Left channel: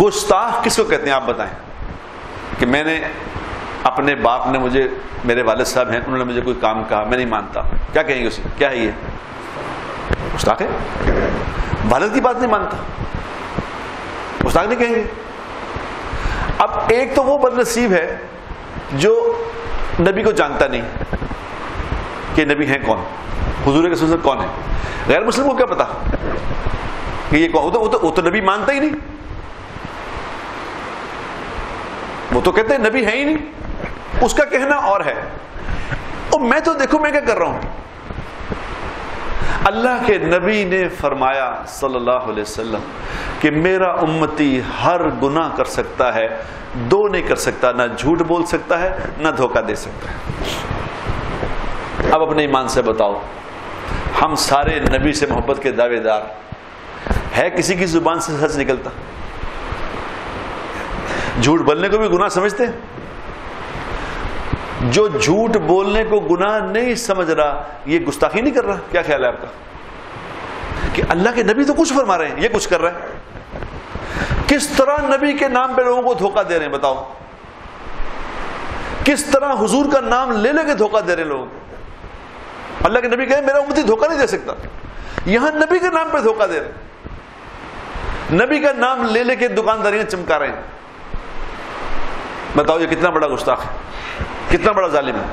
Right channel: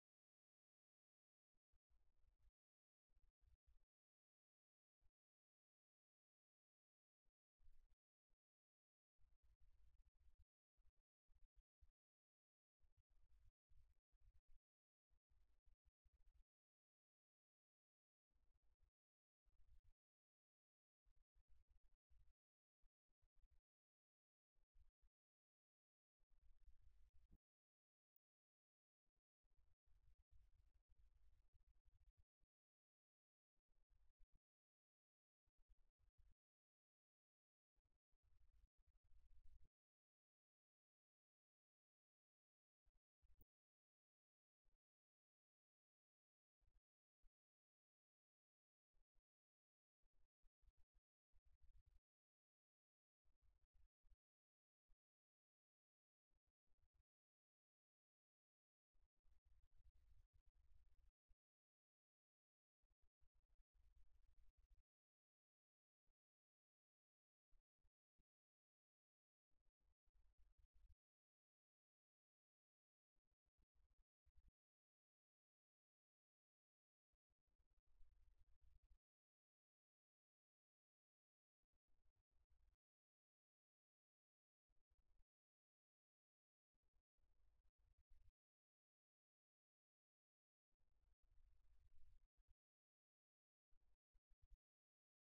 گستاخ کس کو کہتے ہیں آپ بتائیں؟ کہ میں نے اپنے باپ نے مجھے، میرے والد صاحب ہیں، انہوں نے مجھے کوئی کام کہا، میں نہیں مانتا، کیا کہیں گے اسے؟ کیا ہے یہ؟ گستاخ ہے، والد کی بات نہیں مانتا، گستاخ نہیں کہیں گے؟ اب ایک تو وہ بد نصیب ہے جو نبی کو جانتا نہیں کہ نبی ہیں کون، حضور کے سنت کون ہے. غیر مسلم کو کیا پتا کہ یہ کون؟ وہ تو نبی مانتا ہی نہیں، وہ تو کہتے ہیں نبی ہے ہی نہیں، اس کا کہنا اور ہے. اور میں تو دیکھو میں کیا کر رہا ہوں. اللہ کے نبی نے فرمایا صلی اللہ علیہ وسلم کہ میرا امتی ہر گناہ کر سکتا ہے، دو نہیں کر سکتا، نہ جھوٹ بول سکتا ہے نہ دھوکہ دے سکتا ہے. اب اپنے ایمان سے بتاؤ، ہم سارے نبی سے محبت کے دعوے دار، ہے کسی کی زبان سے سچ نکلتا؟ جھوٹ بولنے کو بھی گناہ سمجھتے ہیں؟ جو جھوٹ بولنے کو گناہ نہیں سمجھ رہا یہ گستاخی نہیں کر رہا؟ کیا خیال ہے آپ کا کہ اللہ کے نبی تو کچھ فرما رہے ہیں، یہ کچھ کر رہا ہے؟ کس طرح نبی کے نام پہ لوگوں کو دھوکہ دے رہے ہیں بتاؤ؟ کس طرح حضور کا نام لے لے کے دھوکہ دے رہے ہیں لوگوں کو؟ اللہ کے نبی کہے میرا امتی دھوکہ نہیں دے سکتا، یہاں نبی کے نام پہ دھوکہ دے رہے ہیں، نبی کا نام لے لے کے دکانداریاں چمکا رہے ہیں. بتاؤ یہ کتنا بڑا گستاخ ہے، کتنا بڑا ظالم ہے.